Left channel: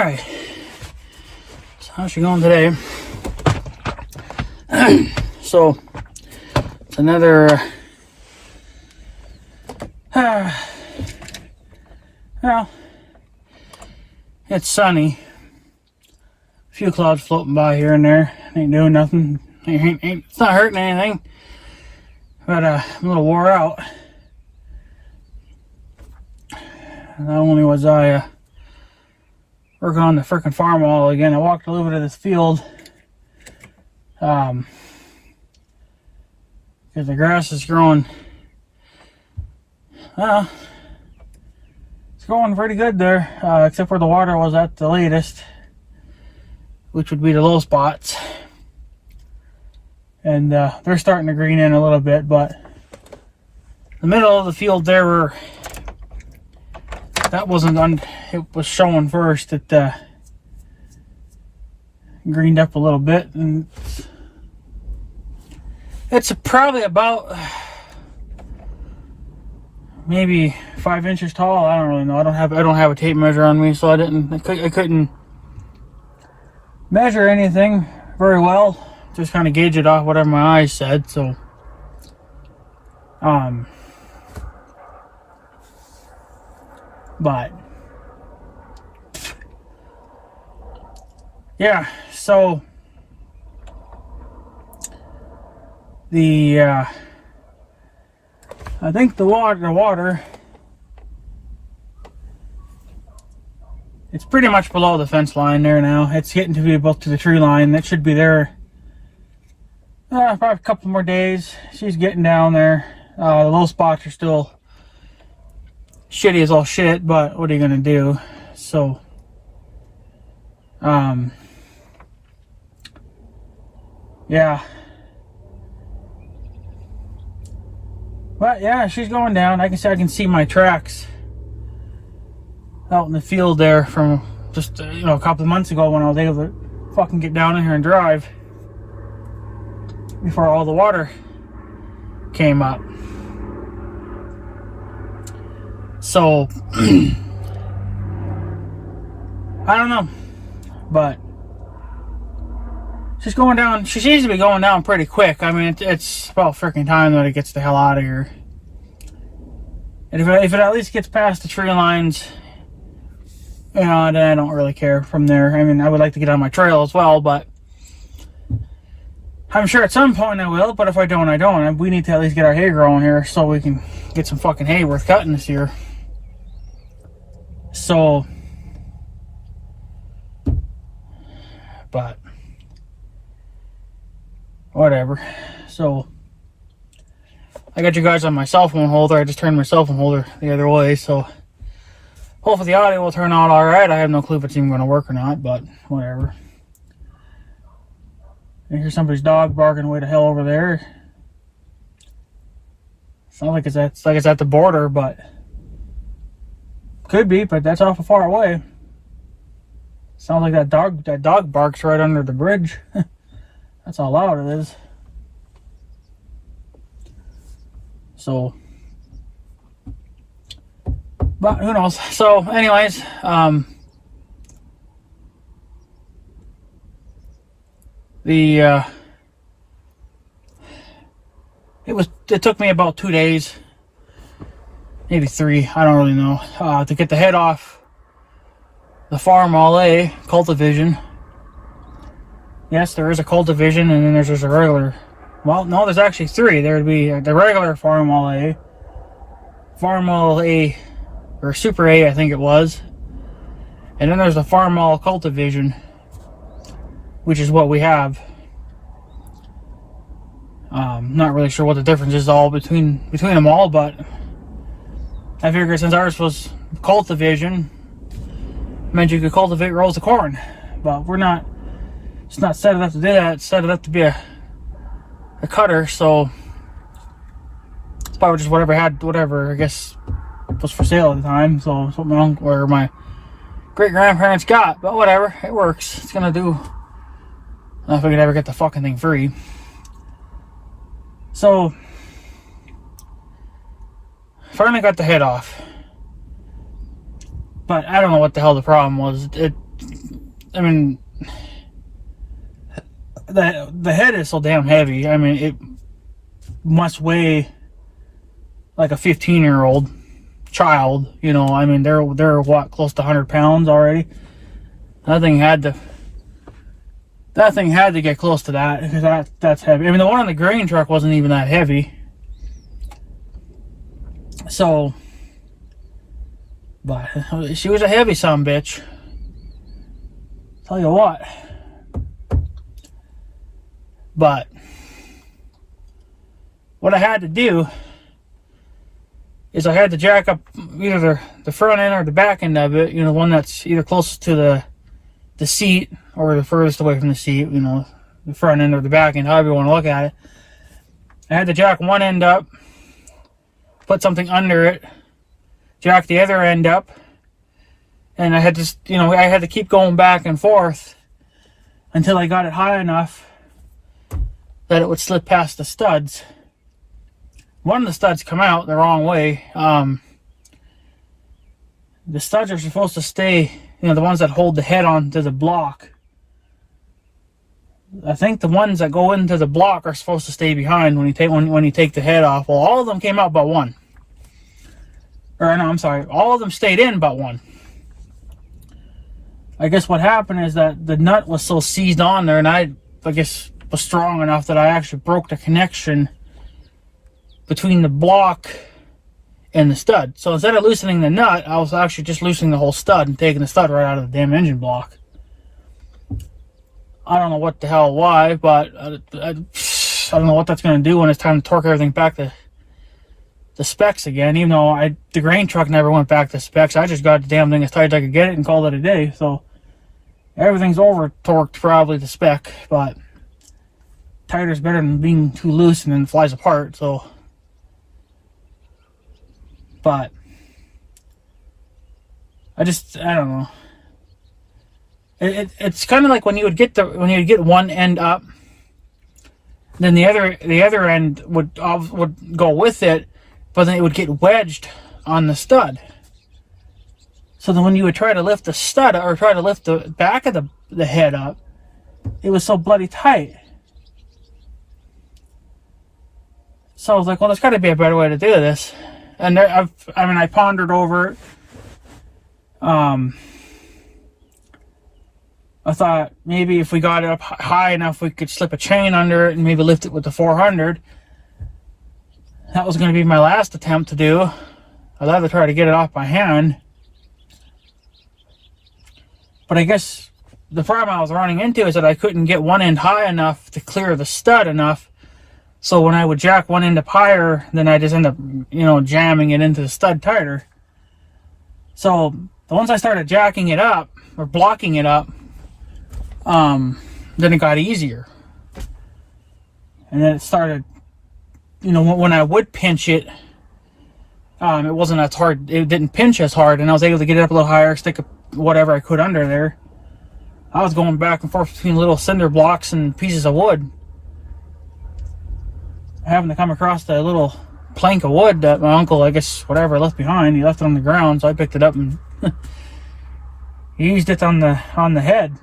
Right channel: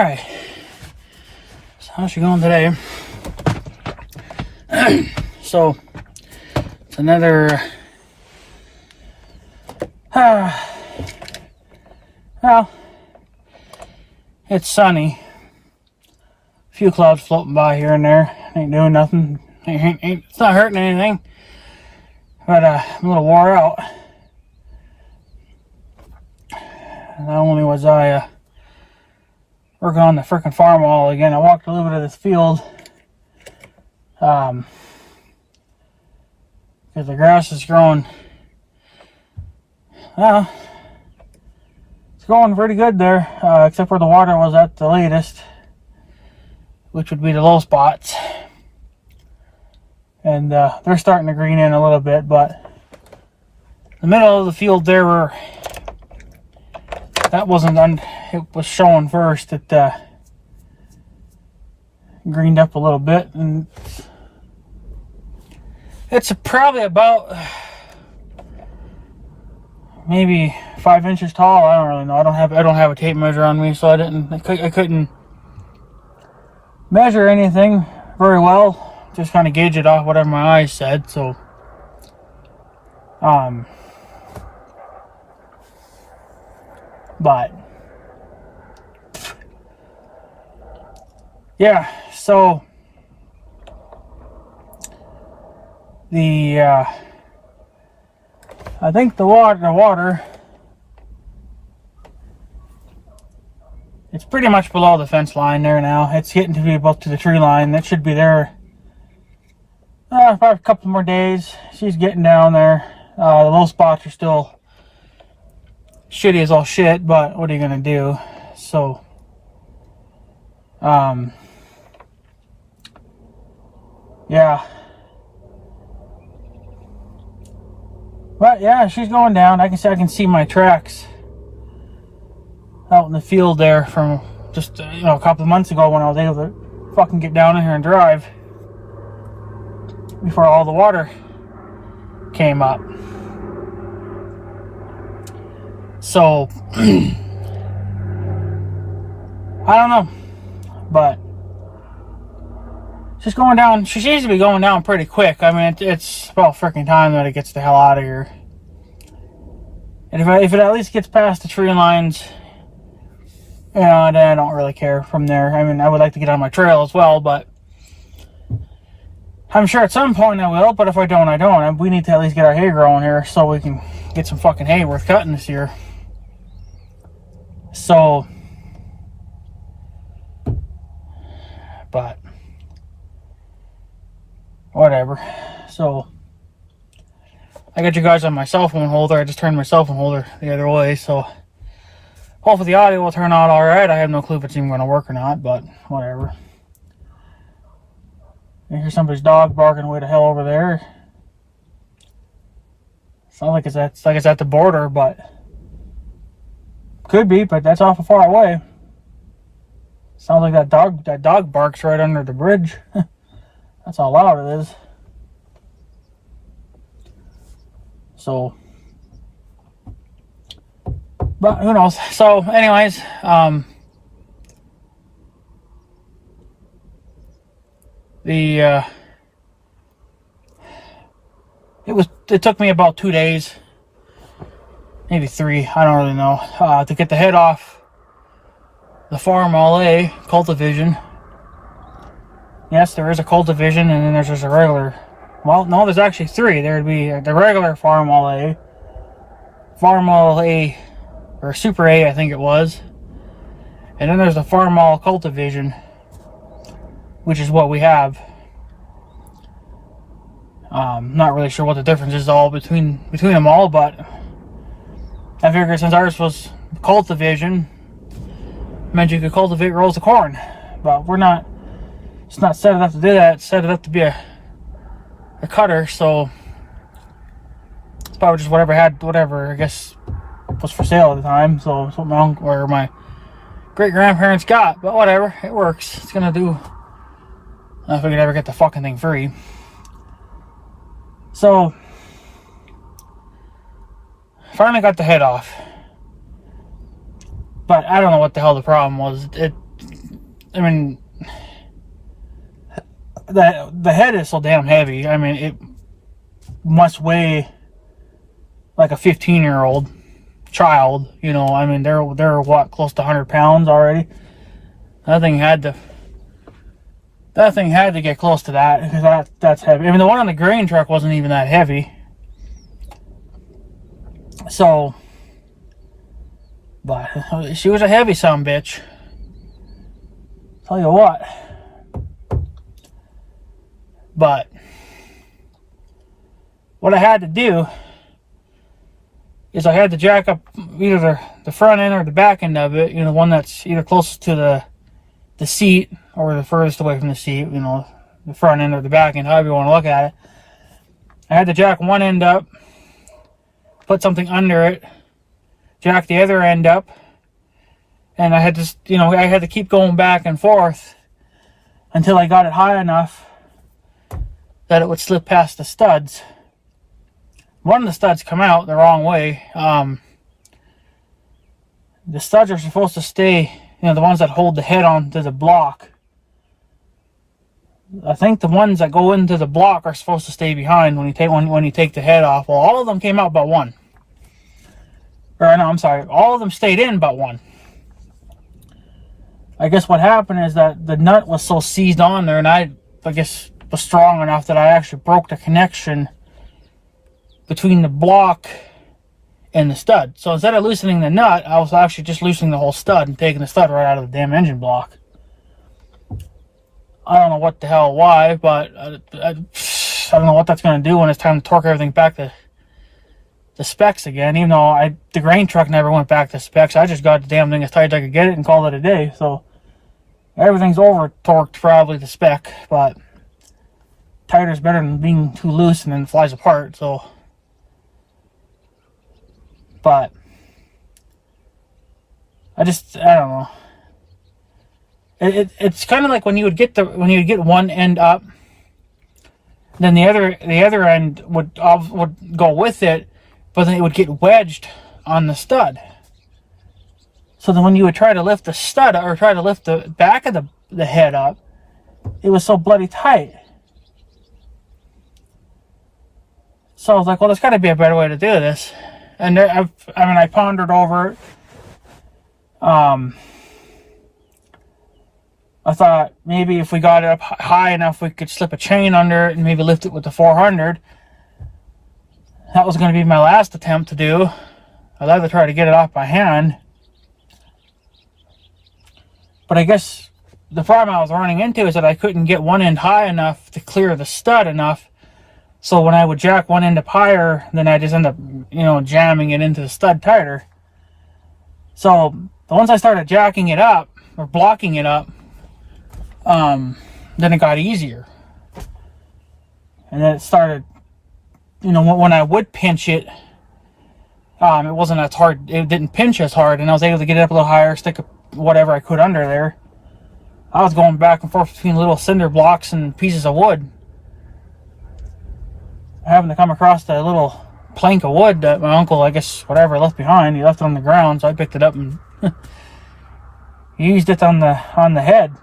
Alright. So how's she going today? So it's another well, it's sunny. A few clouds floating by here and there. Ain't doing nothing. It's not hurting anything. But I'm a little wore out. Not only was I working on the frickin' farmall again, I walked a little bit of this field. Because the grass is growing. Well, it's growing pretty good there, except where the water was at the latest, which would be the low spots. And they're starting to green in a little bit, but the middle of the field there were, that wasn't on, it was showing first. It greened up a little bit, and it's probably about maybe 5 inches tall. I don't really know. I don't have a tape measure on me, so I couldn't measure anything very well. Just kind of gauge it off whatever my eyes said. So but yeah, so the I think the water it's pretty much below the fence line there now. It's getting to be about to the tree line. That should be there about a couple more days. She's getting down there. The low spots are still shitty as all shit, but what are you gonna do? So yeah. But yeah, she's going down. I can see my tracks out in the field there from just a couple of months ago when I was able to fucking get down in here and drive before all the water came up. So I don't know, but she's going down. She seems to be going down pretty quick. I mean, it's about freaking time that it gets the hell out of here. And if it at least gets past the tree lines, then I don't really care from there. I mean, I would like to get on my trail as well, but I'm sure at some point I will. But if I don't, I don't. We need to at least get our hay growing here so we can get some fucking hay worth cutting this year. So, but whatever. So I got you guys on my cell phone holder. I just turned my cell phone holder the other way, so hopefully the audio will turn out alright. I have no clue if it's even going to work or not, but whatever. I hear somebody's dog barking way to hell over there. Sounds like it's at the border, but could be, but that's awful far away. Sounds like that dog barks right under the bridge. That's how loud it is. So, but who knows? So, anyways, it took me about 2 days, maybe 3. I don't really know, to get the head off the farmall A cultivision. Yes, there is a cultivision, and then there's just a regular. Well, no, there's actually 3. There would be the regular farmall A, or Super A, I think it was. And then there's the farmall cultivision, which is what we have. Not really sure what the difference is all between them all, but I figured since ours was cultivision, meant you could cultivate rows of corn. But we're not. It's not set it up to do that. It's set it up to be a cutter, so it's probably just whatever I guess was for sale at the time. So something where my great grandparents got, but whatever, it works. It's gonna do. I don't know if I could ever get the fucking thing free. So finally got the head off, but I don't know what the hell the problem was. I mean, the head is so damn heavy. I mean, it must weigh like a 15-year-old child. You know, I mean, they're what, close to 100 pounds already. That thing had to get close to that, because that's heavy. I mean, the one on the grain truck wasn't even that heavy. So, but she was a heavy sumbitch. Tell you what. But what I had to do is I had to jack up either the front end or the back end of it. You know, one that's either closest to the seat or the furthest away from the seat. You know, the front end or the back end, however you want to look at it. I had to jack one end up, put something under it, jack the other end up, and I had to, you know, I had to keep going back and forth until I got it high enough that it would slip past the studs. One of the studs come out the wrong way. The studs are supposed to stay, you know, the ones that hold the head onto the block. I think the ones that go into the block are supposed to stay behind when you take the head off. Well, all of them came out but one. Or no, I'm sorry, all of them stayed in but one. I guess what happened is that the nut was so seized on there, and I guess was strong enough that I actually broke the connection between the block and the stud. So instead of loosening the nut, I was actually just loosening the whole stud and taking the stud right out of the damn engine block. I don't know what the hell why, but I don't know what that's going to do when it's time to torque everything back to the specs again. Even though the grain truck never went back to specs, I just got the damn thing as tight as I could get it and called it a day. So everything's over torqued probably to spec, but tighter is better than being too loose and then flies apart. So, but I don't know. It's kind of like when you would get one end up, then the other end would go with it, but then it would get wedged on the stud. So then when you would try to lift the stud or try to lift the back of the head up, it was so bloody tight. So I was like, well, there's got to be a better way to do this. And I pondered over it. I thought maybe if we got it up high enough, we could slip a chain under it and maybe lift it with the 400. That was going to be my last attempt to do. I'd rather try to get it off by hand. But I guess the problem I was running into is that I couldn't get one end high enough to clear the stud enough. So when I would jack one end up higher, then I just end up, you know, jamming it into the stud tighter. So once I started jacking it up or blocking it up, then it got easier. And then it started, you know, when I would pinch it, it wasn't as hard. It didn't pinch as hard, and I was able to get it up a little higher, stick whatever I could under there. I was going back and forth between little cinder blocks and pieces of wood, having to come across the little plank of wood that my uncle, I guess, whatever, left behind. He left it on the ground, so I picked it up and used it on the head.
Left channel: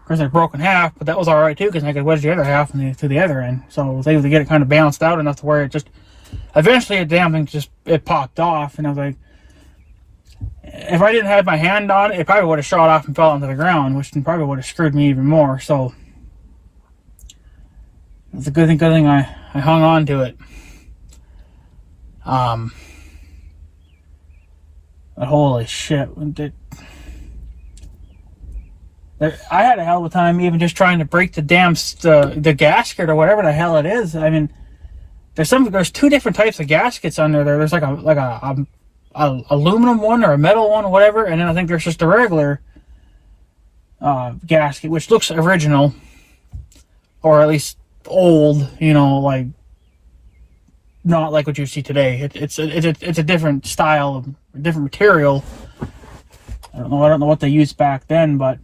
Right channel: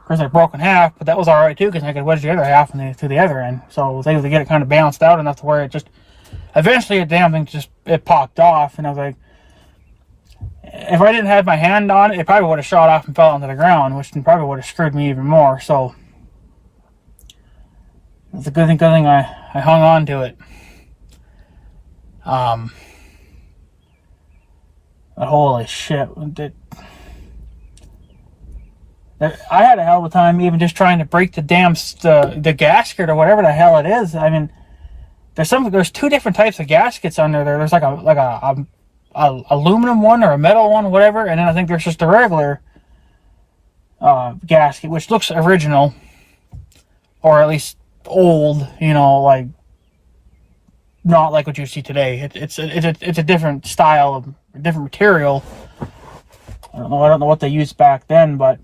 Of course, it broke in half, but that was alright too, because I could wedge the other half to the other end. So I was able to get it kind of balanced out enough to where it just, eventually the damn thing it popped off, and I was like, if I didn't have my hand on it, it probably would have shot off and fell onto the ground, which probably would have screwed me even more. So it's a good thing I hung on to it. But holy shit. I had a hell of a time even just trying to break the damn the gasket or whatever the hell it is. I mean, there's two different types of gaskets under there. There's like a aluminum one or a metal one, whatever, and then I think there's just a regular gasket, which looks original, or at least old, you know, like not like what you see today. It's a different style of different material. I don't know what they used back then, but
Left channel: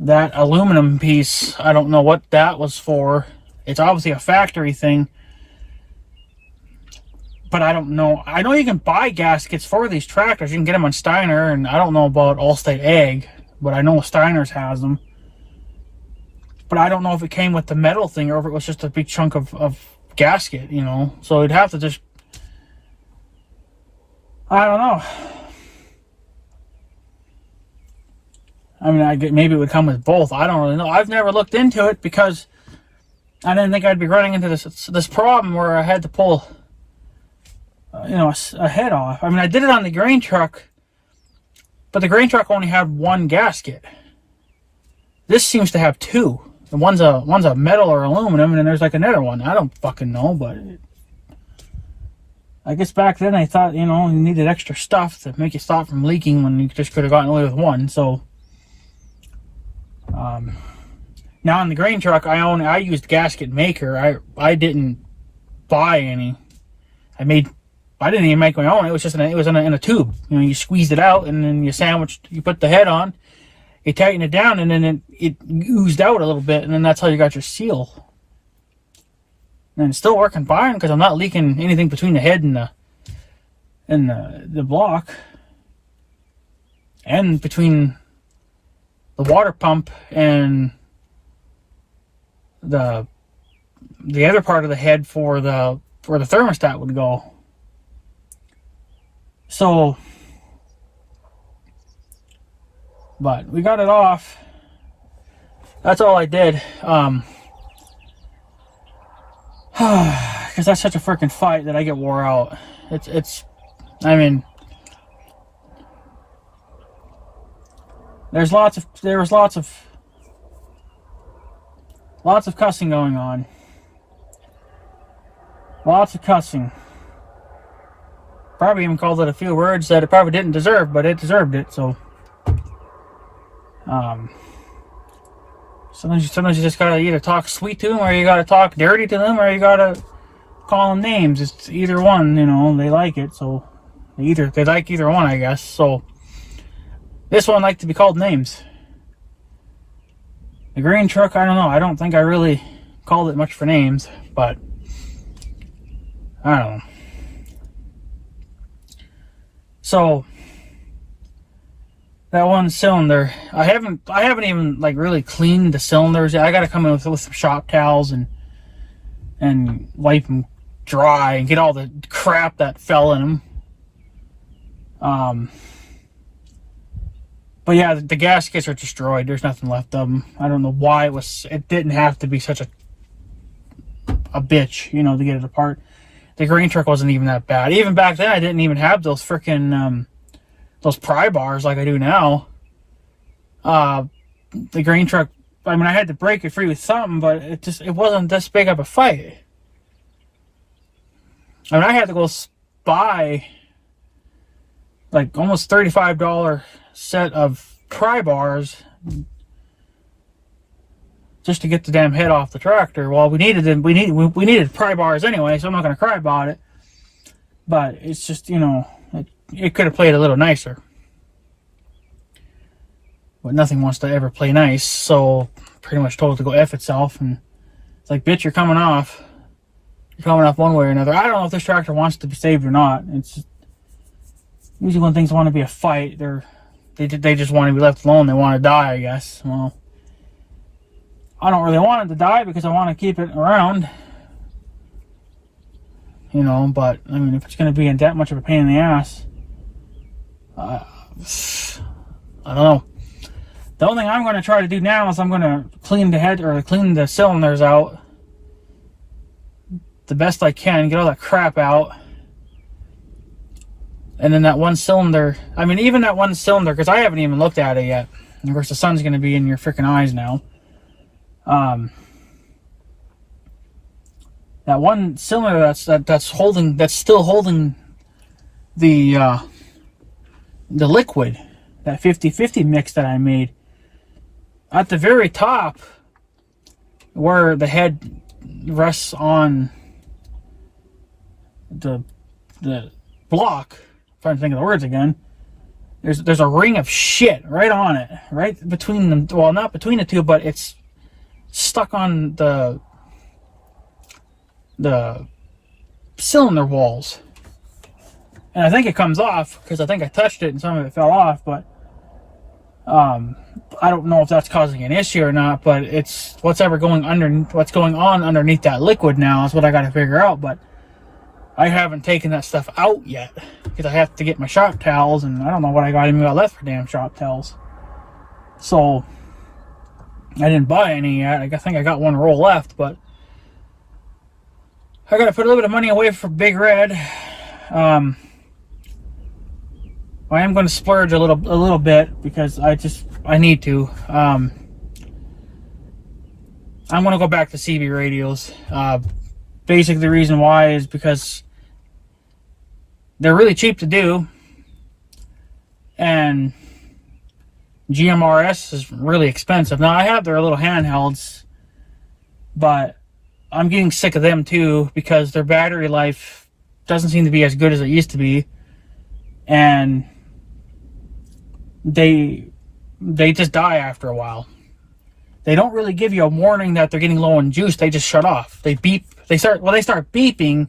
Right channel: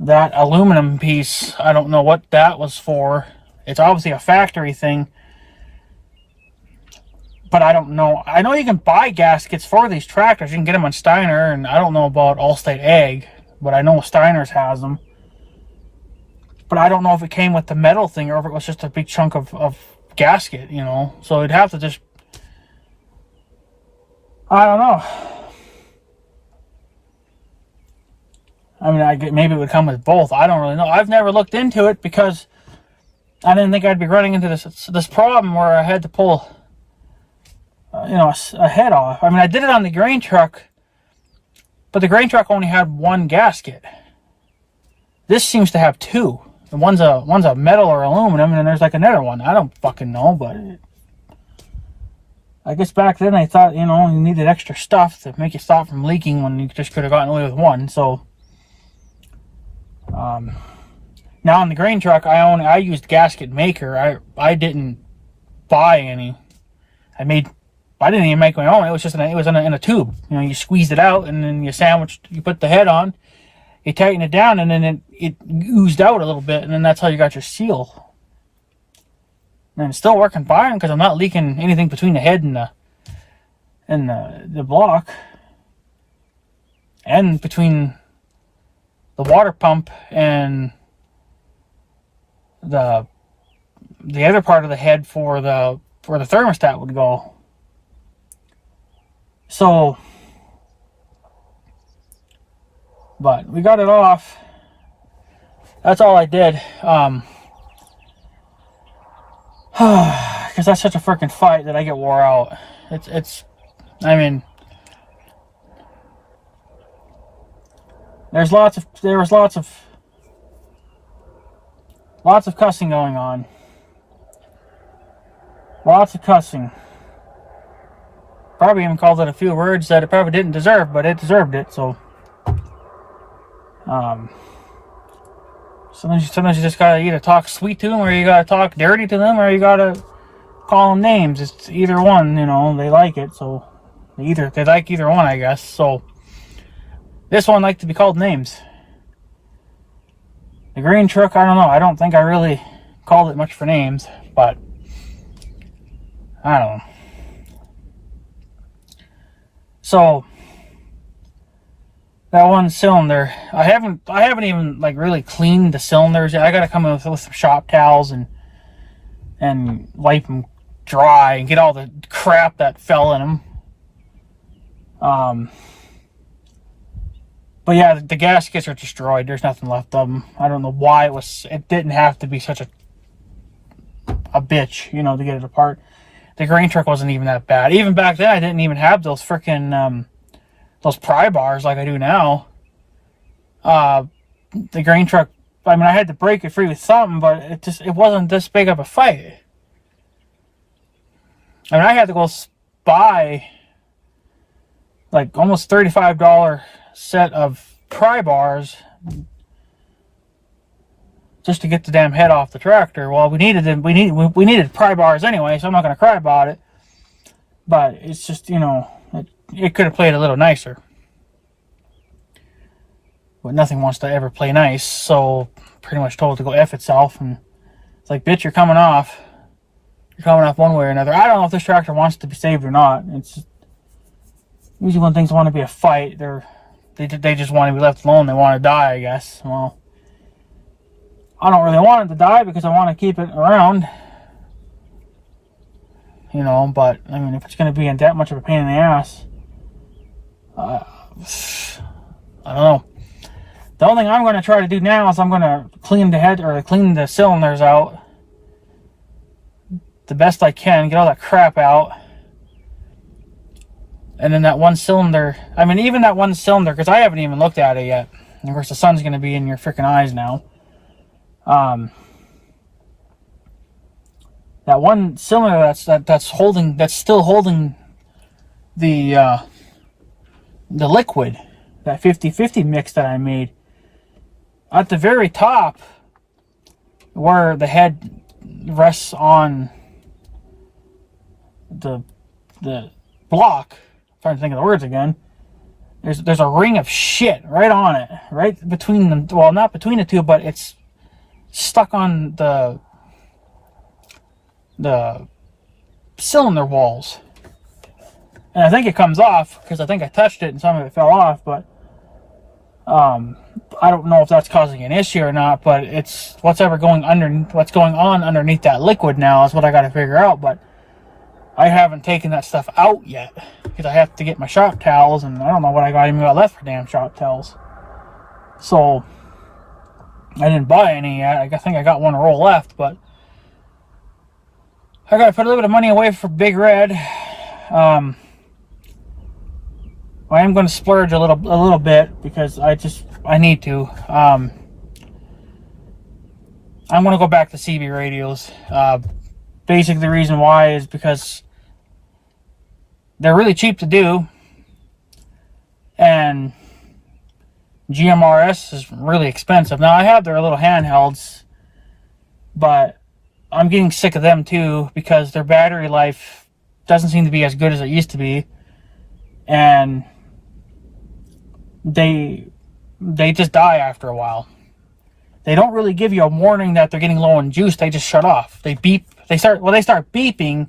that aluminum piece, I don't know what that was for. It's obviously a factory thing, but I don't know. I know you can buy gaskets for these tractors. You can get them on Steiner, and I don't know about Allstate Ag, but I know Steiner's has them. But I don't know if it came with the metal thing or if it was just a big chunk of gasket, you know. So it'd have to just... I don't know. I mean, maybe it would come with both. I don't really know. I've never looked into it because I didn't think I'd be running into this problem where I had to pull, a head off. I mean, I did it on the grain truck, but the grain truck only had one gasket. This seems to have two. And one's a metal or aluminum, and then there's like another one. I don't fucking know, but I guess back then I thought, you needed extra stuff to make it stop from leaking when you just could have gotten away with one. So, now on the grain truck I used gasket maker. I didn't buy any. I didn't even make my own. It was just in a tube. You squeezed it out, and then you put the head on. You tighten it down, and then it oozed out a little bit, and then that's how you got your seal. And it's still working fine because I'm not leaking anything between the head and the block, and between the water pump and the other part of the head where the thermostat would go. So. But we got it off. That's all I did. Because that's such a freaking fight that I get wore out. I mean, there was lots of cussing going on. Lots of cussing. Probably even called it a few words that it probably didn't deserve, but it deserved it, so. Sometimes you just gotta either talk sweet to them, or you gotta talk dirty to them, or you gotta call them names. It's either one, they like it, so they like either one, I guess. So this one liked to be called names. The green truck, I don't know. I don't think I really called it much for names, but I don't know. So that one cylinder, I haven't even really cleaned the cylinders yet. I gotta come in with some shop towels and wipe them dry and get all the crap that fell in them. But yeah, the gaskets are destroyed. There's nothing left of them. I don't know why it didn't have to be such a bitch, to get it apart. The grain truck wasn't even that bad. Even back then, I didn't even have those frickin' those pry bars like I do now. The grain truck, I had to break it free with something, but it wasn't this big of a fight. I had to go buy like almost $35 set of pry bars just to get the damn head off the tractor. Well, we needed pry bars anyway, so I'm not going to cry about it. But it's just, it could have played a little nicer. But nothing wants to ever play nice, so pretty much told it to go F itself. And it's like, bitch, you're coming off. You're coming off one way or another. I don't know if this tractor wants to be saved or not. It's just, usually when things want to be a fight, they just want to be left alone. They want to die, I guess. Well, I don't really want it to die because I want to keep it around. But if it's going to be in that much of a pain in the ass, I don't know. The only thing I'm going to try to do now is I'm going to clean the cylinders out the best I can, get all that crap out. And then that one cylinder, even that one cylinder, because I haven't even looked at it yet. And of course, the sun's going to be in your freaking eyes now. That one cylinder that's still holding the liquid, that 50-50 mix that I made, at the very top where the head rests on the block, I'm trying to think of the words again, there's a ring of shit right on it, right between them. Well, not between the two, but it's stuck on the cylinder walls. And I think it comes off because I think I touched it and some of it fell off, but I don't know if that's causing an issue or not, but it's what's going on underneath that liquid now is what I got to figure out. But I haven't taken that stuff out yet because I have to get my shop towels, and I don't know what I got even got left for damn shop towels. So I didn't buy any yet. I think I got one roll left, but I got to put a little bit of money away for Big Red. I am going to splurge a little bit because I need to. I'm going to go back to CB radios. Basically, the reason why is because they're really cheap to do, and GMRS is really expensive. Now, I have their little handhelds, but I'm getting sick of them too because their battery life doesn't seem to be as good as it used to be, and they just die after a while. They don't really give you a warning that they're getting low on juice. They just shut off. They beep. They start beeping,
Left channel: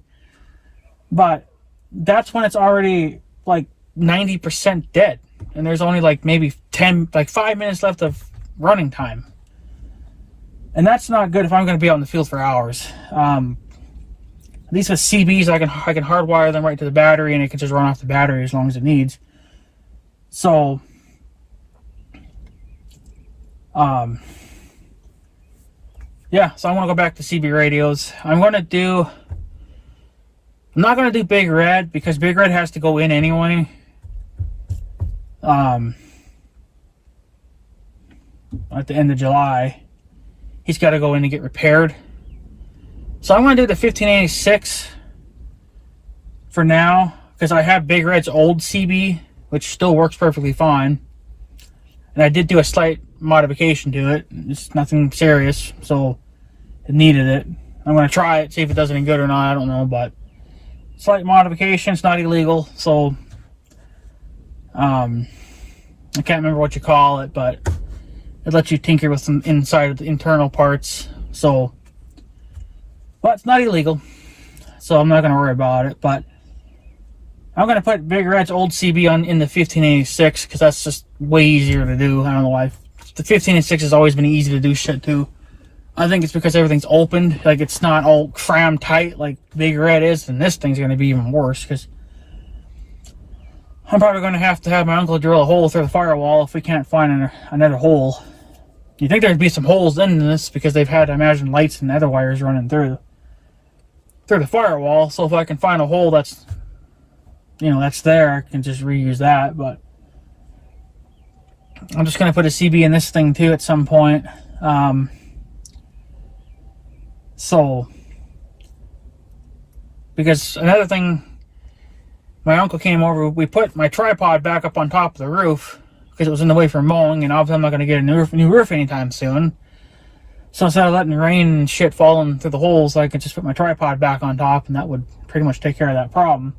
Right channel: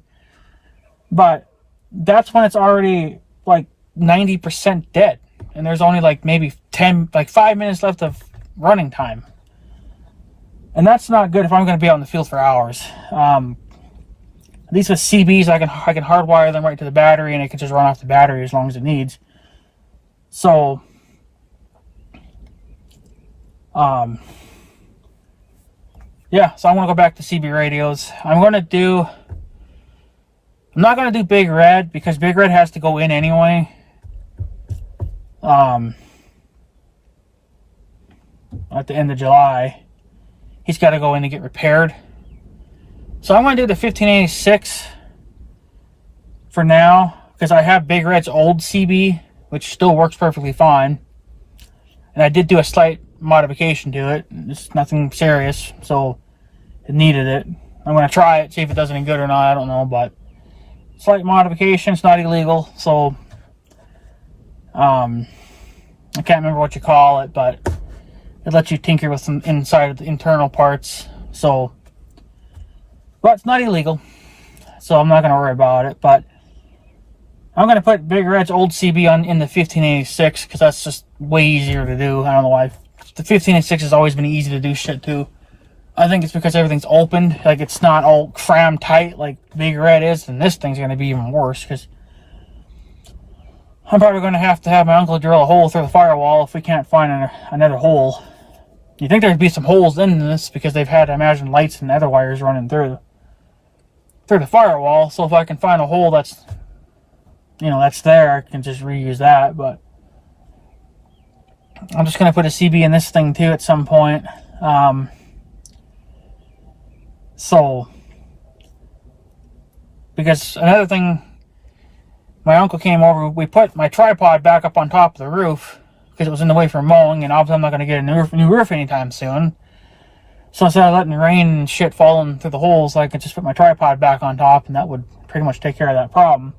but that's when it's already like 90% dead, and there's only like maybe 5 minutes left of running time, and that's not good if I'm going to be out in the field for hours. At least with CBs, I can hardwire them right to the battery, and it can just run off the battery as long as it needs. So, yeah, so I'm going to go back to CB radios. I'm not going to do Big Red because Big Red has to go in anyway. At the end of July, he's got to go in and get repaired. So I'm going to do the 1586 for now because I have Big Red's old CB, which still works perfectly fine. And I did do a slight modification to it. It's nothing serious, so it needed it. I'm going to try it, see if it does any good or not. I don't know, but slight modification. It's not illegal, so I can't remember what you call it, but it lets you tinker with some inside of the internal parts. So, but it's not illegal, so I'm not going to worry about it. But I'm going to put Big Red's old CB in the 1586 because that's just way easier to do. I don't know why. The 1586 has always been easy to do shit too. I think it's because everything's open. Like, it's not all crammed tight like Big Red is, and this thing's going to be even worse because I'm probably going to have my uncle drill a hole through the firewall if we can't find another hole. You'd think there'd be some holes in this because they've had, I imagine, lights and other wires running through the firewall. So if I can find a hole that's there, I can just reuse that. But I'm just going to put a CB in this thing too at some point. So, because another thing, my uncle came over, we put my tripod back up on top of the roof because it was in the way for mowing, and obviously I'm not going to get a new roof anytime soon. So instead of letting rain and shit falling through the holes, I could just put my tripod back on top, and that would pretty much take care of that problem.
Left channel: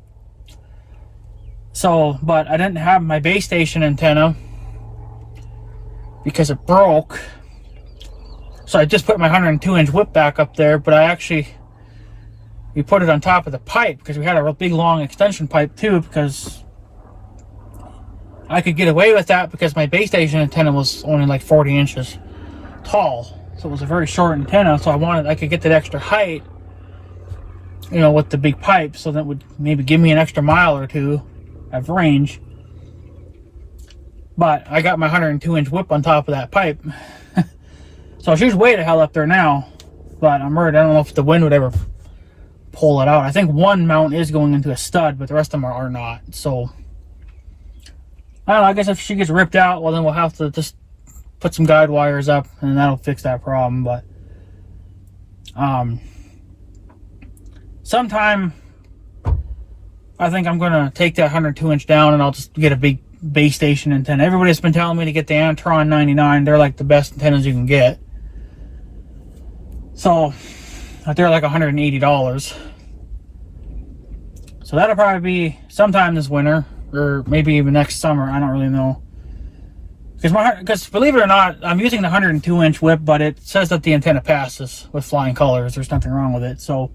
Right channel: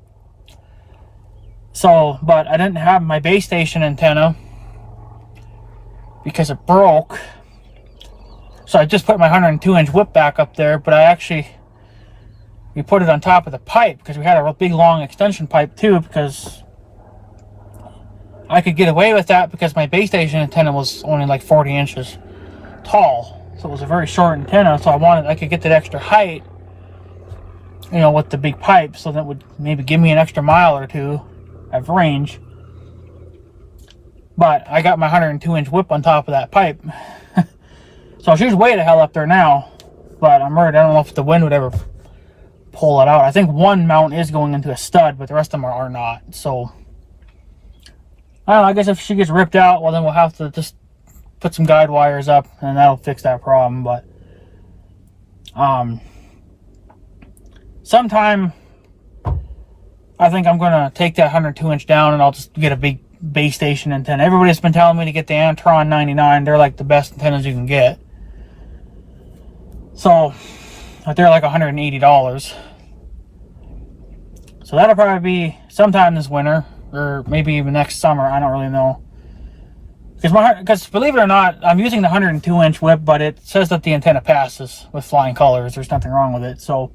So, but I didn't have my base station antenna because it broke. So I just put my 102-inch whip back up there, but we put it on top of the pipe because we had a big long extension pipe too, because I could get away with that because my base station antenna was only like 40 inches tall. So it was a very short antenna, so I could get that extra height, with the big pipe, so that would maybe give me an extra mile or two of range. But I got my 102-inch whip on top of that pipe. So she's way the hell up there now, but I'm worried. I don't know if the wind would ever pull it out. I think one mount is going into a stud, but the rest of them are not. So I don't know. I guess if she gets ripped out, well, then we'll have to just put some guide wires up, and that'll fix that problem. But sometime I think I'm gonna take that 102-inch down, and I'll just get a big base station antenna. Everybody's been telling me to get the Antron 99. They're like the best antennas you can get. So they're like $180. So that'll probably be sometime this winter, or maybe even next summer. I don't really know. Because believe it or not, I'm using the 102-inch whip, but it says that the antenna passes with flying colors. There's nothing wrong with it. So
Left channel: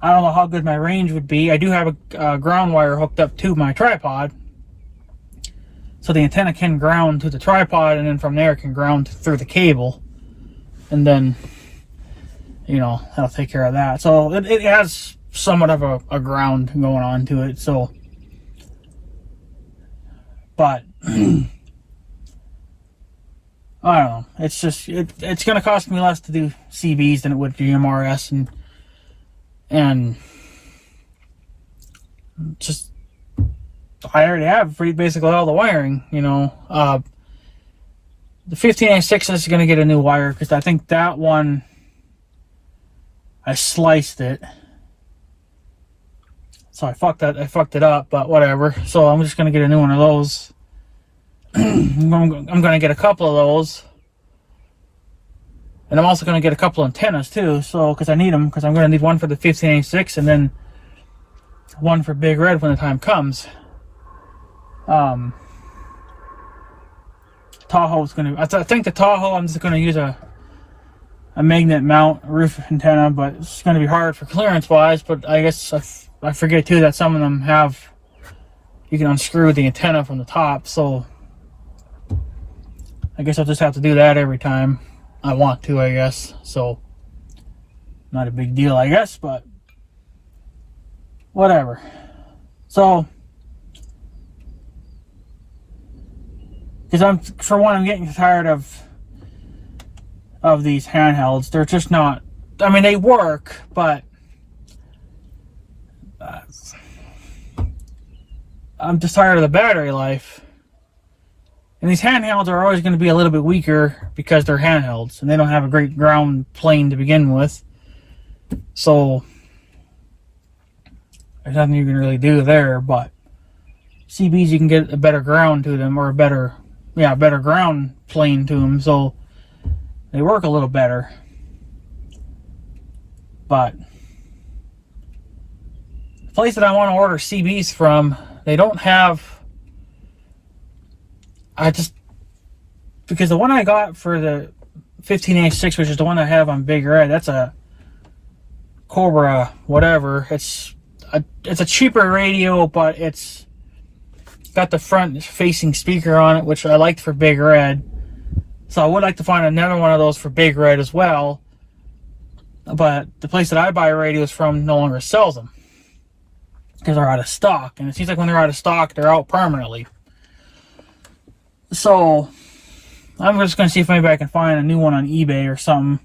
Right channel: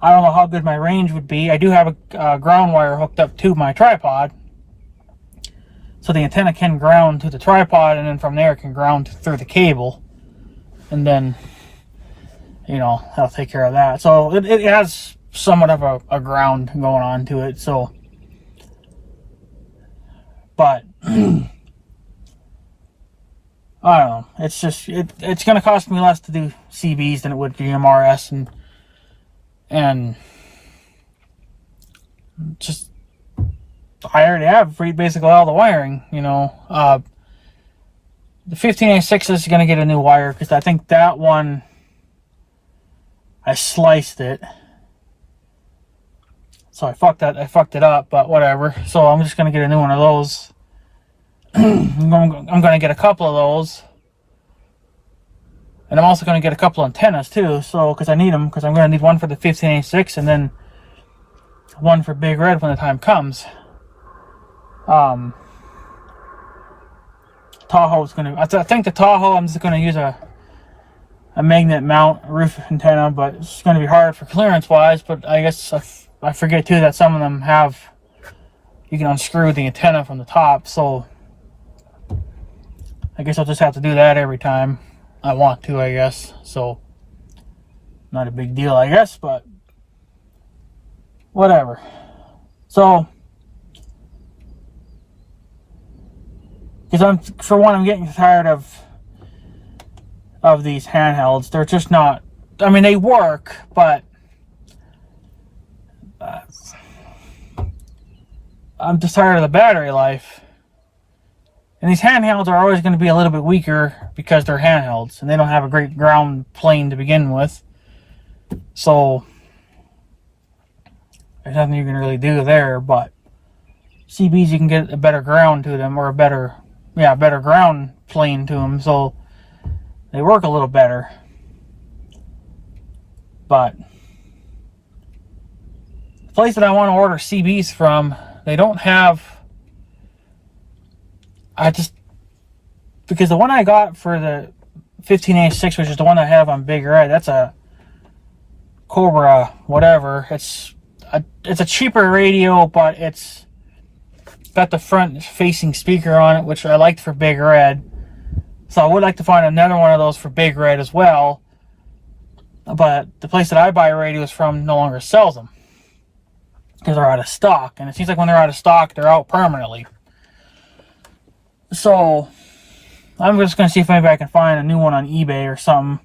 I don't know how good my range would be. I do have a ground wire hooked up to my tripod, so the antenna can ground to the tripod, and then from there it can ground through the cable, and then, you know, I'll take care of that. So it has somewhat of a ground going on to it. So, but I don't know. It's just it's going to cost me less to do CBs than it would DMRS, and just I already have basically all the wiring, you know. The 15A6 is going to get a new wire because I think that one, I sliced it, so I fucked it up. But whatever. So I'm just going to get a new one of those. I'm going to get a couple of those, and I'm also going to get a couple of antennas too. So because I need them, because I'm going to need one for the 15A6 and then one for Big Red when the time comes. Tahoe's going to, I think the Tahoe, I'm just going to use a magnet mount roof antenna, but it's going to be hard for clearance wise. But I guess I forget too that some of them have, you can unscrew the antenna from the top, so I guess I'll just have to do that every time I want to, I guess. So not a big deal, I guess, but whatever. So because I'm getting tired of these handhelds. They're just not, I mean, they work, but I'm just tired of the battery life. And these handhelds are always going to be a little bit weaker because they're handhelds and they don't have a great ground plane to begin with. So there's nothing you can really do there, but CBs, you can get a better ground to them, or a better ground plane to them, so they work a little better. But the place that I want to order CBs from, they don't have, because the one I got for the 15A6, which is the one I have on Big Red, that's a Cobra whatever. It's a cheaper radio, but it's got the front facing speaker on it, which I liked for Big Red. So I would like to find another one of those for Big Red as well. But the place that I buy radios from no longer sells them because they're out of stock. And it seems like when they're out of stock, they're out permanently. So I'm just going to see if maybe I can find a new one on eBay or something.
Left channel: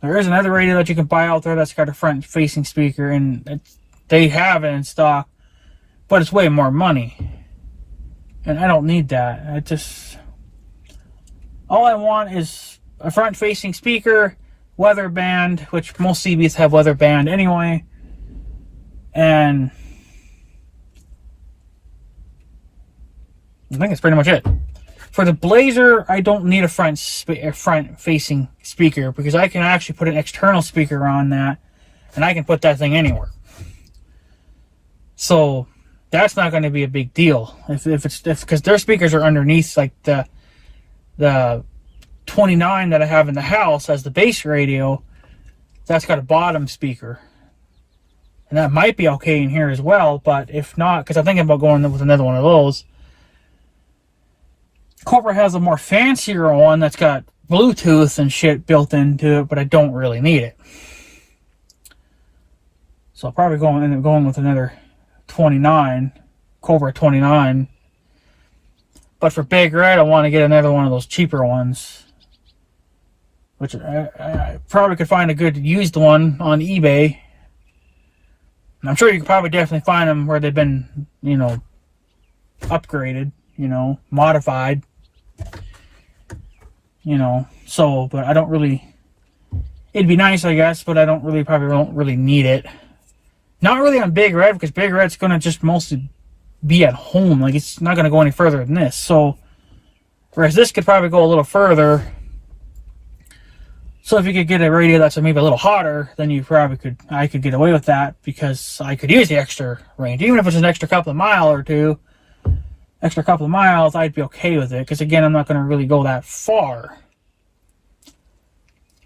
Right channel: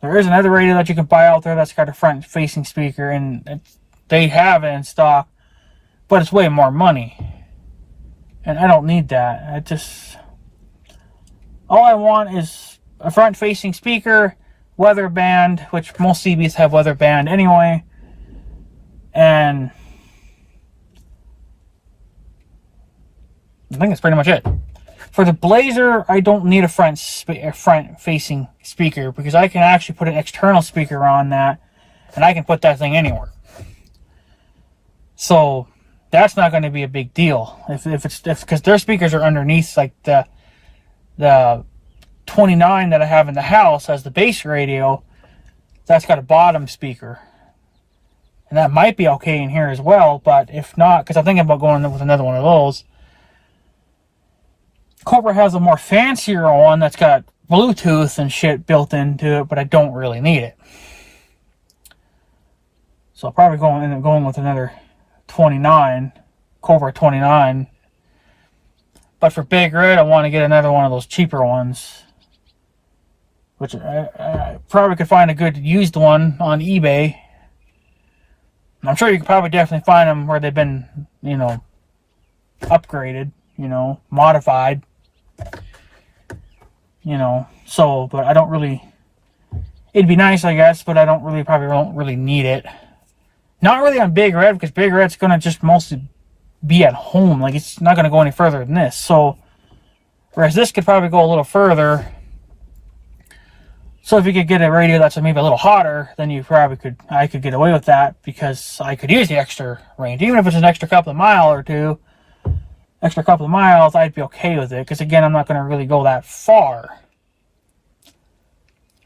There is another radio that you can buy out there that's got a front facing speaker, and they have it in stock, but it's way more money. And I don't need that. All I want is a front facing speaker, weather band, which most CBs have weather band anyway, and I think that's pretty much it. For the Blazer, I don't need a front-facing speaker because I can actually put an external speaker on that, and I can put that thing anywhere. So that's not going to be a big deal because their speakers are underneath, like the 29 that I have in the house as the base radio. That's got a bottom speaker, and that might be okay in here as well. But if not, because I'm thinking about going with another one of those. Cobra has a more fancier one that's got Bluetooth and shit built into it, but I don't really need it. So I'll probably end up going with another 29, Cobra 29. But for Big Red, I want to get another one of those cheaper ones, which I probably could find a good used one on eBay. I'm sure you could probably definitely find them where they've been, upgraded, modified. So, but I don't really, it'd be nice, I guess, but I probably don't really need it. Not really on Big Red, because Big Red's going to just mostly be at home. Like, it's not going to go any further than this. So, whereas this could probably go a little further. So if you could get a radio that's maybe a little hotter, then I could get away with that, because I could use the extra range. Even if it's an extra couple of miles, I'd be okay with it, because again, I'm not going to really go that far.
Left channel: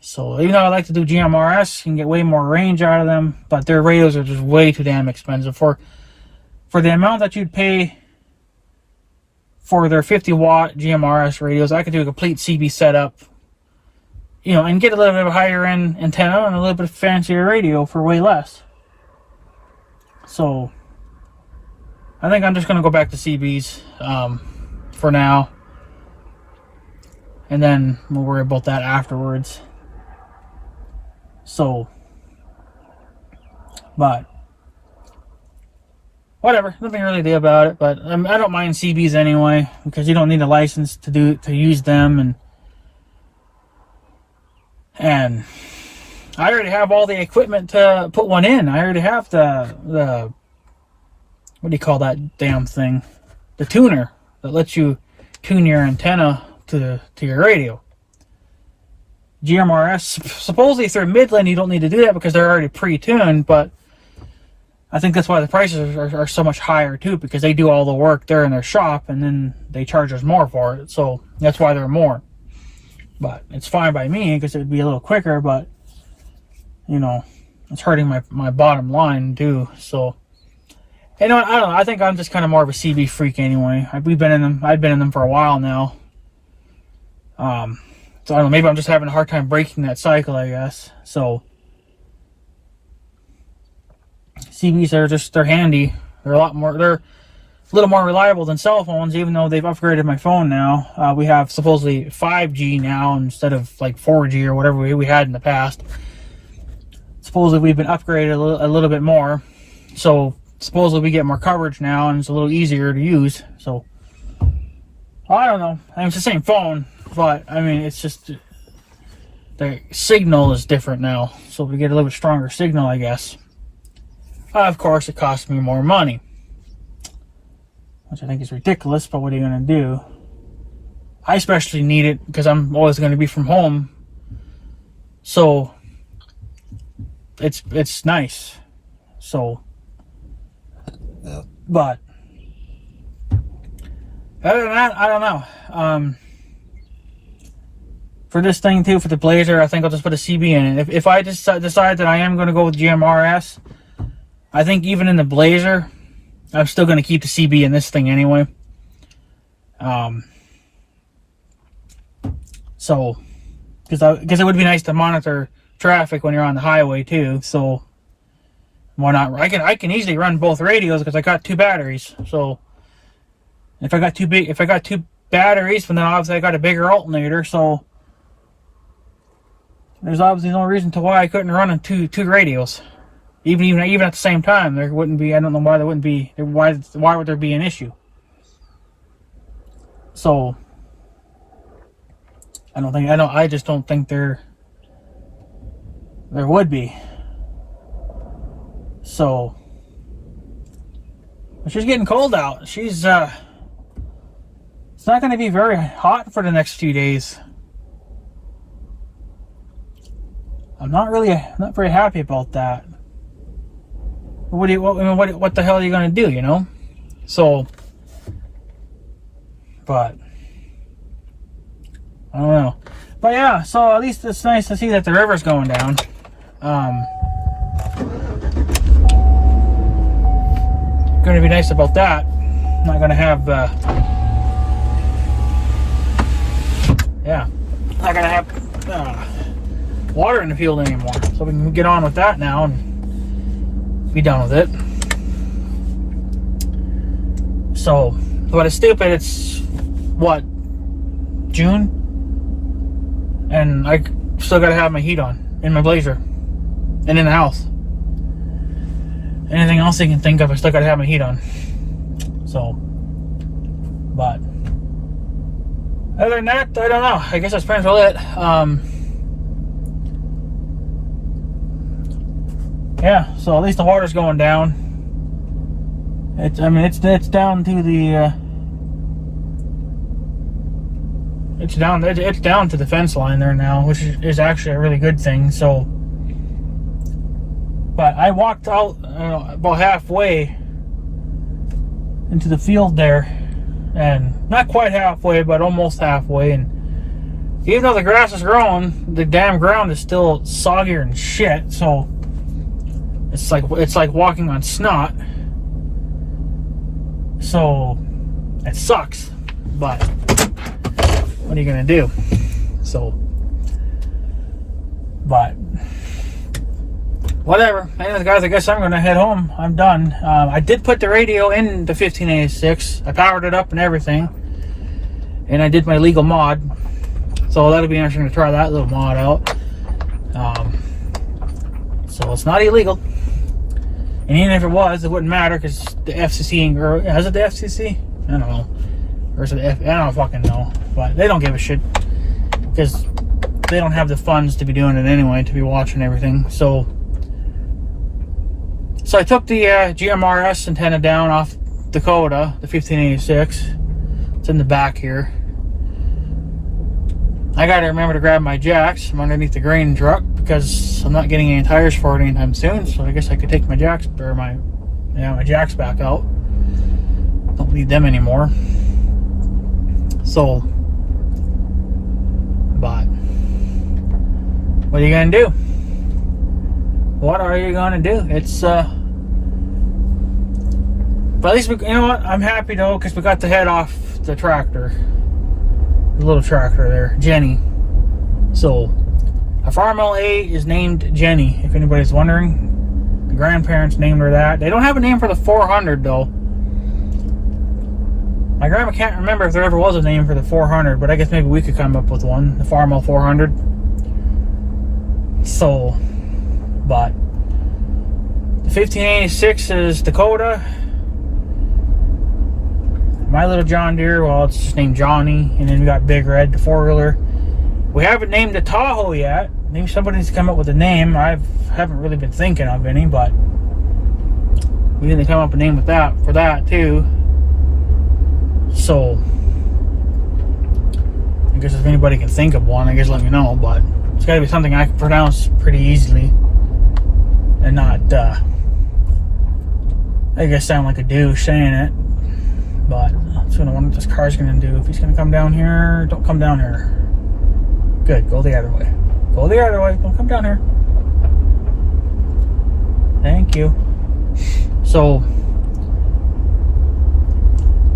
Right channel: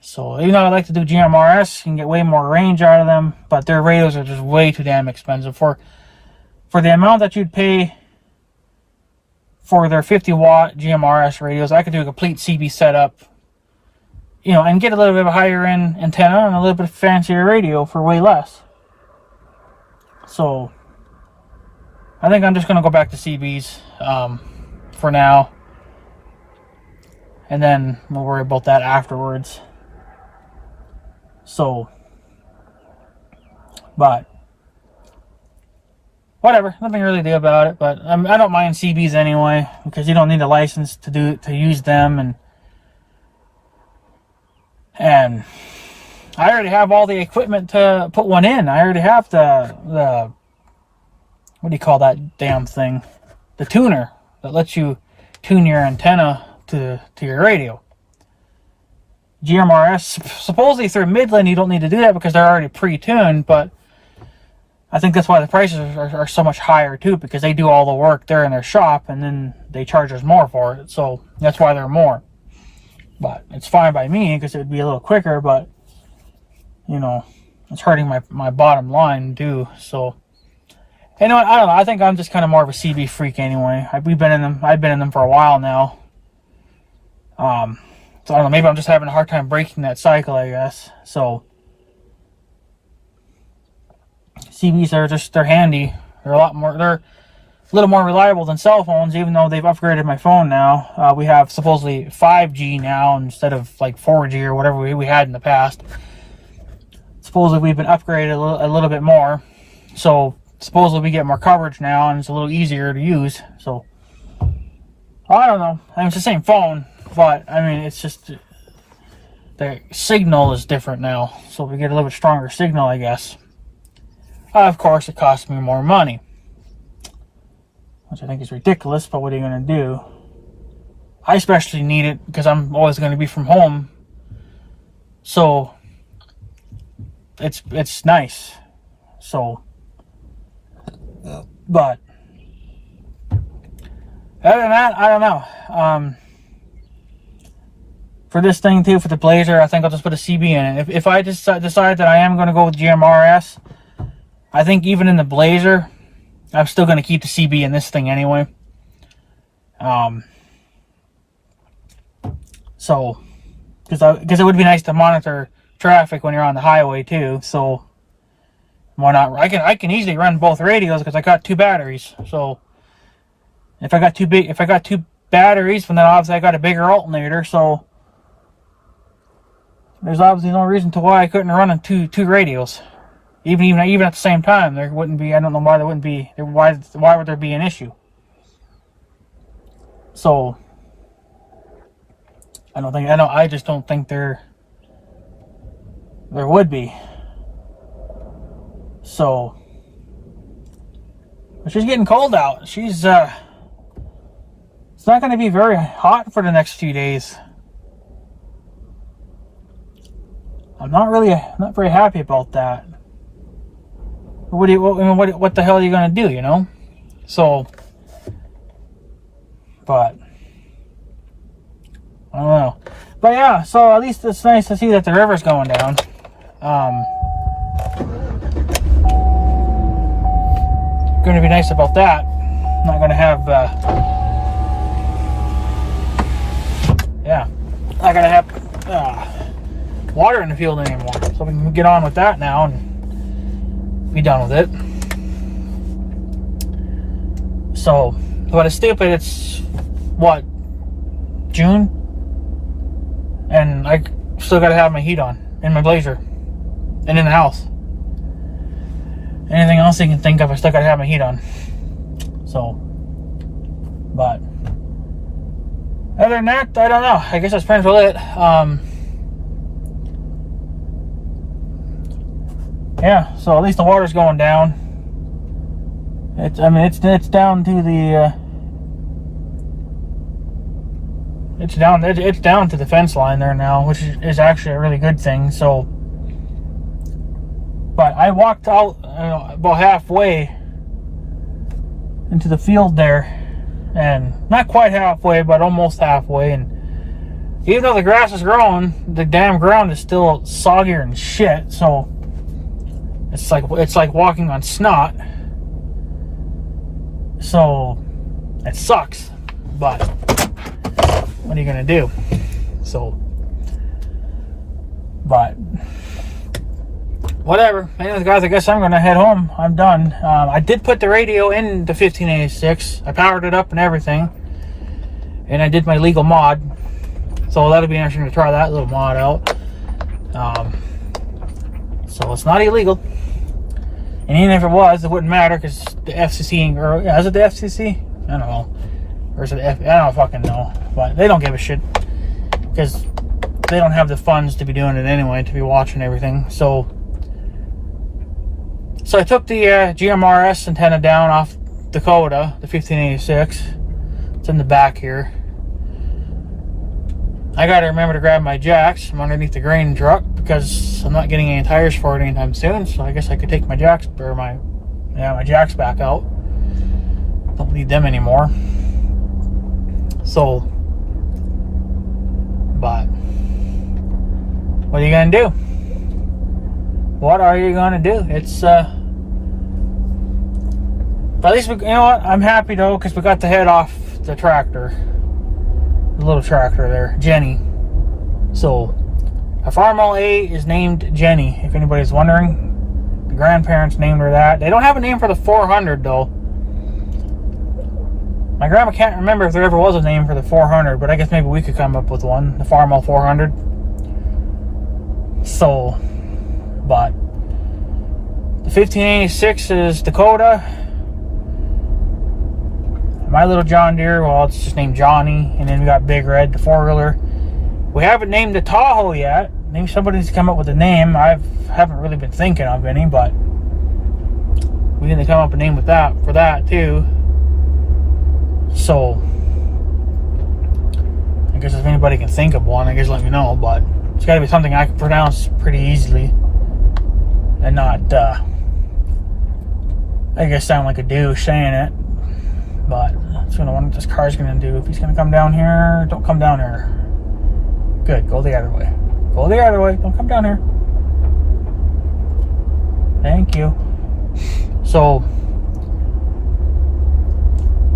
So even though I like to do GMRS, you can get way more range out of them, but their radios are just way too damn expensive. For the amount that you'd pay for their 50-watt GMRS radios, I could do a complete CB setup, you know, and get a little bit of a higher end antenna and a little bit fancier radio for way less. So I think I'm just going to go back to CBs for now, and then we'll worry about that afterwards. So, but whatever, nothing really to do about it. But I don't mind CBs anyway, because you don't need a license to use them, and I already have all the equipment to put one in. I already have the what do you call that damn thing? The tuner that lets you tune your antenna to your radio. GMRS, supposedly through Midland, you don't need to do that because they're already pre-tuned, but I think that's why the prices are so much higher too, because they do all the work there in their shop and then they charge us more for it. So that's why they're more. But it's fine by me because it would be a little quicker, but you know, it's hurting my bottom line too. So, you know what? I don't know. I think I'm just kind of more of a CB freak anyway. I've been in them for a while now. So I don't know. Maybe I'm just having a hard time breaking that cycle, I guess. So CBs they're handy. They're a little more reliable than cell phones, even though they've upgraded my phone now. We have supposedly 5G now instead of like 4G or whatever we had in the past. Supposedly we've been upgraded a little bit more. So supposedly we get more coverage now and it's a little easier to use. So I don't know. I mean, it's the same phone, but I mean, it's just the signal is different now. So we get a little bit stronger signal, I guess. Of course, it costs me more money, which I think is ridiculous, but what are you going to do? I especially need it because I'm always going to be from home. So it's nice. So, but other than that, I don't know. For this thing too, for the Blazer, I think I'll just put a CB in it. If I just decide that I am going to go with GMRS, I think even in the Blazer, I'm still going to keep the CB in this thing anyway. So, because it would be nice to monitor traffic when you're on the highway too. So, why not? I can easily run both radios because I got 2 batteries. So, if I got two batteries, then obviously I got a bigger alternator. So, there's obviously no reason to why I couldn't run two radios. Even at the same time, there wouldn't be. I don't know why there wouldn't be. Why would there be an issue? So I just don't think there would be. So, but she's getting cold out. It's not going to be very hot for the next few days. I'm not very happy about that. What the hell are you gonna do, you know? So, but I don't know. But yeah, so at least it's nice to see that the river's going down. Gonna be nice about that. I'm not gonna have not gonna have water in the field anymore. So we can get on with that now and be done with it. So, but it's stupid. It's what, June, and I still gotta have my heat on in my Blazer and in the house. Anything else you can think of, I still gotta have my heat on. So, but other than that, I don't know. I guess that's pretty much it. Yeah, so at least the water's going down. It's down to the it's down to the fence line there now, which is actually a really good thing. So, but I walked out about halfway into the field there, and not quite halfway, but almost halfway, and even though the grass is growing, the damn ground is still soggier and shit. So it's like walking on snot. So it sucks, but what are you gonna do? So, but whatever. Anyways, guys, I guess I'm gonna head home. I'm done. I did put the radio in the 1586. I powered it up and everything, and I did my legal mod. So that'll be interesting to try that little mod out. So it's not illegal, and even if it was, it wouldn't matter because the FCC, or is it the FCC? I don't know, or is it I don't fucking know, but they don't give a shit because they don't have the funds to be doing it anyway, to be watching everything. So I took the GMRS antenna down off Dakota, the 1586. It's in the back here. I gotta remember to grab my jacks from underneath the grain truck because I'm not getting any tires for it anytime soon. So I guess I could take my jacks, or my jacks back out. Don't need them anymore. So, but what are you gonna do? What are you gonna do? It's but at least you know what? I'm happy though because we got the head off the tractor. The little tractor there, Jenny. So a farmall A is named Jenny, if anybody's wondering. The grandparents named her that. They don't have a name for the 400 though. My grandma can't remember if there ever was a name for the 400, but I guess maybe we could come up with one. The farmall 400. So, but the 1586 is Dakota. My little John Deere, well, it's just named Johnny. And then we got Big Red, the 4-wheeler. We haven't named the Tahoe yet. Maybe somebody's come up with a name. I haven't really been thinking of any, but we need to come up with a name with that for that too. So I guess if anybody can think of one, I guess let me know. But it's got to be something I can pronounce pretty easily and not, I guess, sound like a douche saying it. But that's what I wonder what this car's gonna do. If he's gonna come down here, don't come down here. Good, go the other way. Go the other way, don't come down here. Thank you. So,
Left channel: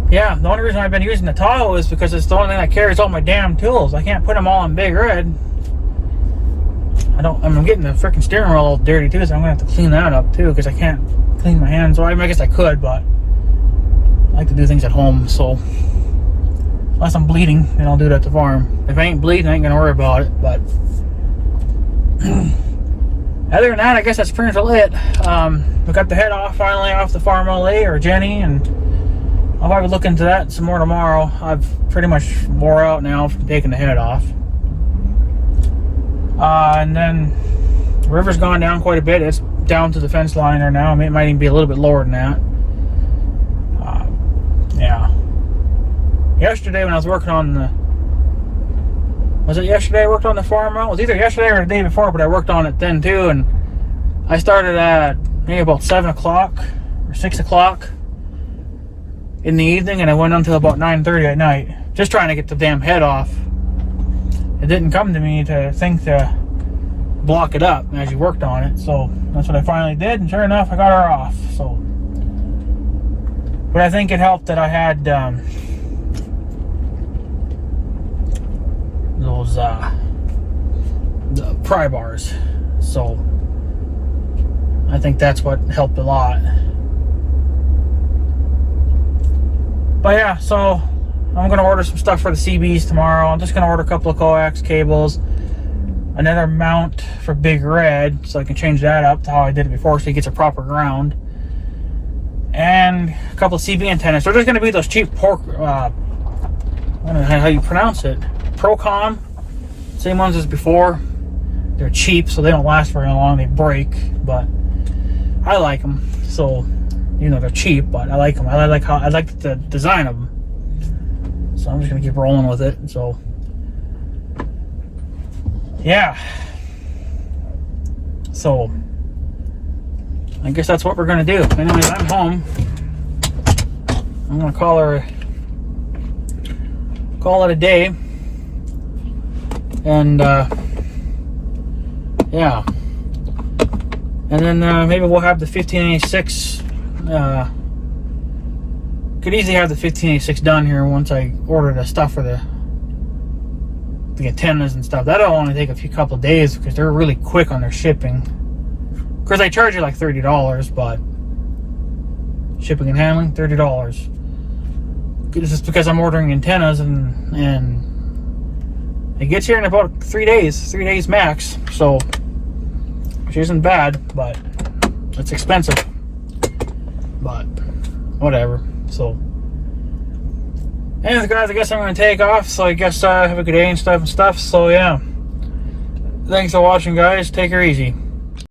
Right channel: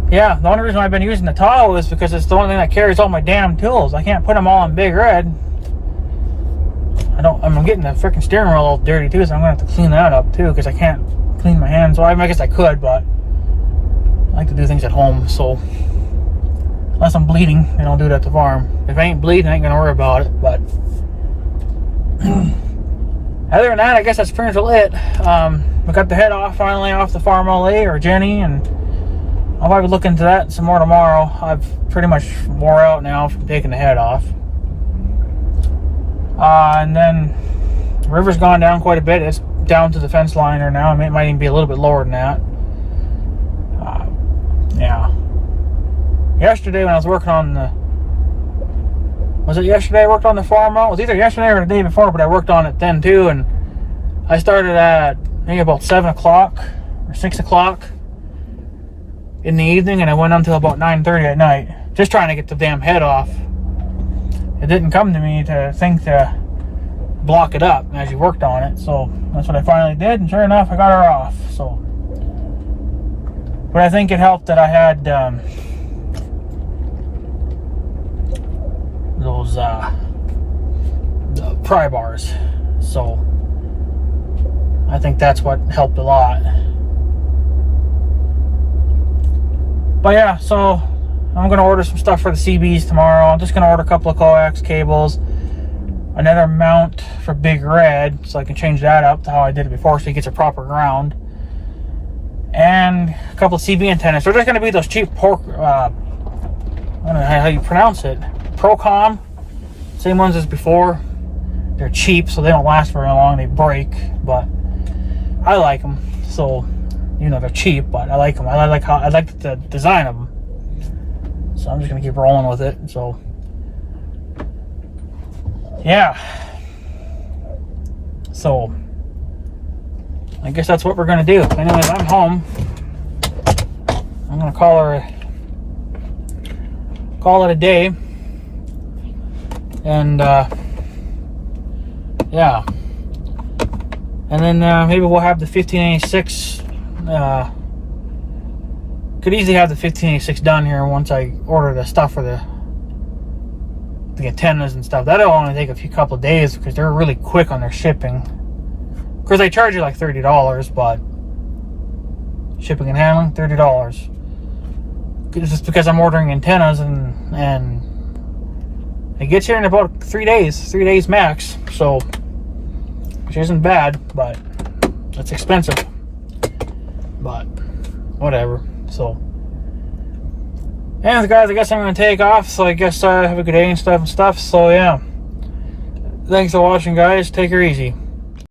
yeah, the only reason I've been using the Tahoe is because it's the only thing that carries all my damn tools. I can't put them all on Big Red. I'm getting the freaking steering wheel all dirty too, so I'm gonna have to clean that up too, because I can't clean my hands. Well, I guess I could, but I like to do things at home, so unless I'm bleeding, then I'll do it at the farm. If I ain't bleeding, I ain't gonna worry about it. But other than that, I guess that's pretty much it. We got the head off finally off the farmall A, or Jenny, and I'll probably look into that some more tomorrow. I've pretty much wore out now from taking the head off. And then the river's gone down quite a bit. It's down to the fence line there now. I mean, it might even be a little bit lower than that. Yeah. Yesterday when I was working on the... Was it yesterday I worked on the farmall? It was either yesterday or the day before, but I worked on it then too. And I started at, I think, about 7 o'clock or 6 o'clock in the evening, and I went until about 9:30 at night, just trying to get the damn head off. It didn't come to me to think to block it up as you worked on it, so that's what I finally did, and sure enough, I got her off. So, but I think it helped that I had those the pry bars, so I think that's what helped a lot. But yeah, so I'm going to order some stuff for the CBs tomorrow. I'm just going to order a couple of coax cables, another mount for Big Red, so I can change that up to how I did it before, so he gets a proper ground, and a couple of CB antennas. They're just going to be those cheap I don't know how you pronounce it, Procom, same ones as before. They're cheap, so they don't last very long. They break, but I like them. So, you know, they're cheap, but I like them. I like the design of them. So I'm just gonna keep rolling with it. So, yeah. So, I guess that's what we're gonna do. Anyways, I'm home. I'm gonna call it a day. And yeah, and then maybe we'll have the 1586. Could easily have the 1586 done here once I order the stuff for the antennas and stuff. That'll only take a couple of days because they're really quick on their shipping. Of course, they charge you like $30, but shipping and handling, $30. It's just because I'm ordering antennas and it gets here in about 3 days max. So, which isn't bad, but it's expensive. But whatever. So, anyways, guys, I guess I'm going to take off. So I guess have a good day and stuff. So yeah, thanks for watching, guys. Take her easy.